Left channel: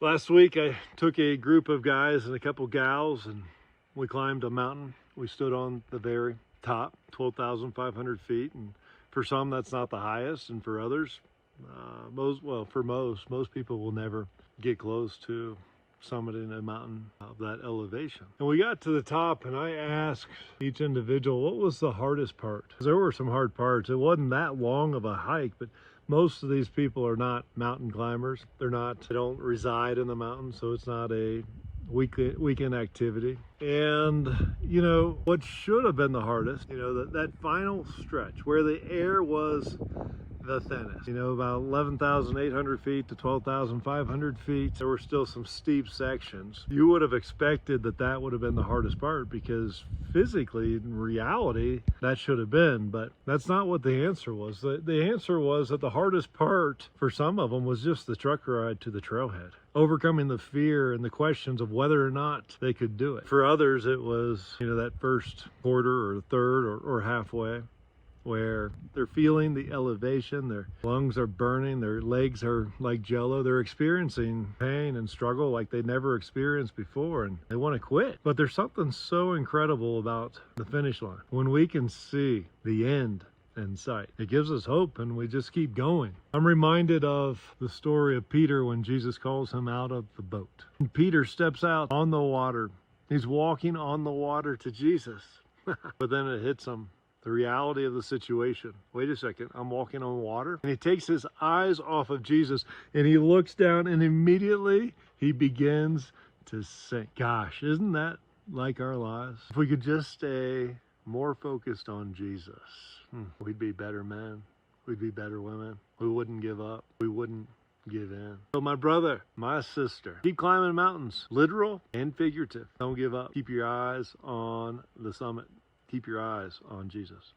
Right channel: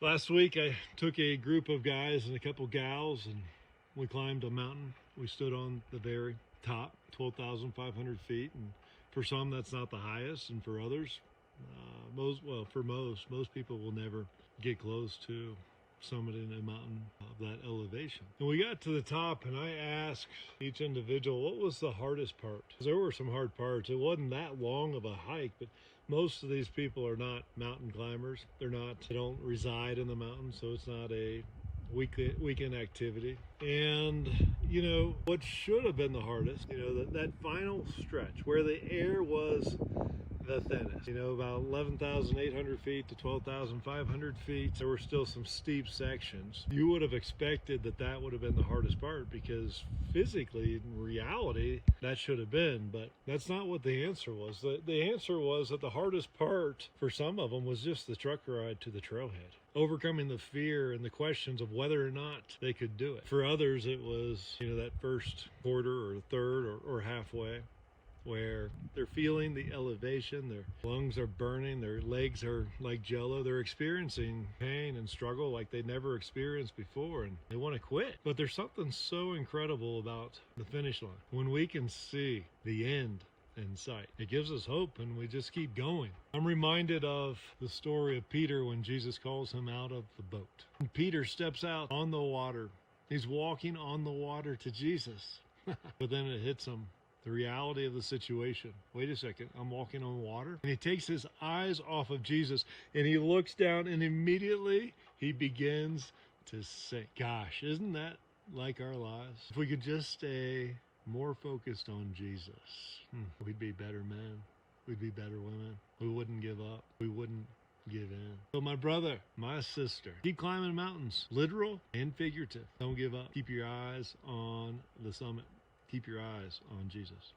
Last week I took a group of guys and a couple gals and we climbed a mountain. We stood on the very top, 12,500 feet, and for some that's not the highest, and for others, most people will never get close to summiting a mountain of that elevation. And we got to the top and I asked each individual what was the hardest part. There were some hard parts. It wasn't that long of a hike, but most of these people are not mountain climbers. They don't reside in the mountains, so it's not a weekend activity. And you know what should have been the hardest, that final stretch where the air was the thinnest, about 11,800 feet to 12,500 feet. There were still some steep sections. You would have expected that would have been the hardest part, because physically, in reality, that should have been, but that's not what the answer was. The answer was that the hardest part for some of them was just the truck ride to the trailhead, overcoming the fear and the questions of whether or not they could do it. For others, it was, that first quarter or third or halfway, where they're feeling the elevation, their lungs are burning, their legs are like jello, they're experiencing pain and struggle like they never experienced before, and they want to quit. But there's something so incredible about the finish line. When we can see the end in sight, it gives us hope, and we just keep going. I'm reminded of the story of Peter when Jesus calls him out of the boat. And Peter steps out on the water. He's walking on the water to Jesus, but then it hits him. The reality of the situation. Wait a second, I'm walking on water? And he takes his eyes off of Jesus and he looks down, and immediately he begins to sink. Gosh, isn't that like our lives? If we could just stay more focused on Jesus, we'd be better men. We'd be better women. We wouldn't give up. We wouldn't give in. So my brother, my sister, keep climbing mountains, literal and figurative. Don't give up. Keep your eyes on the summit. Keep your eyes on Jesus.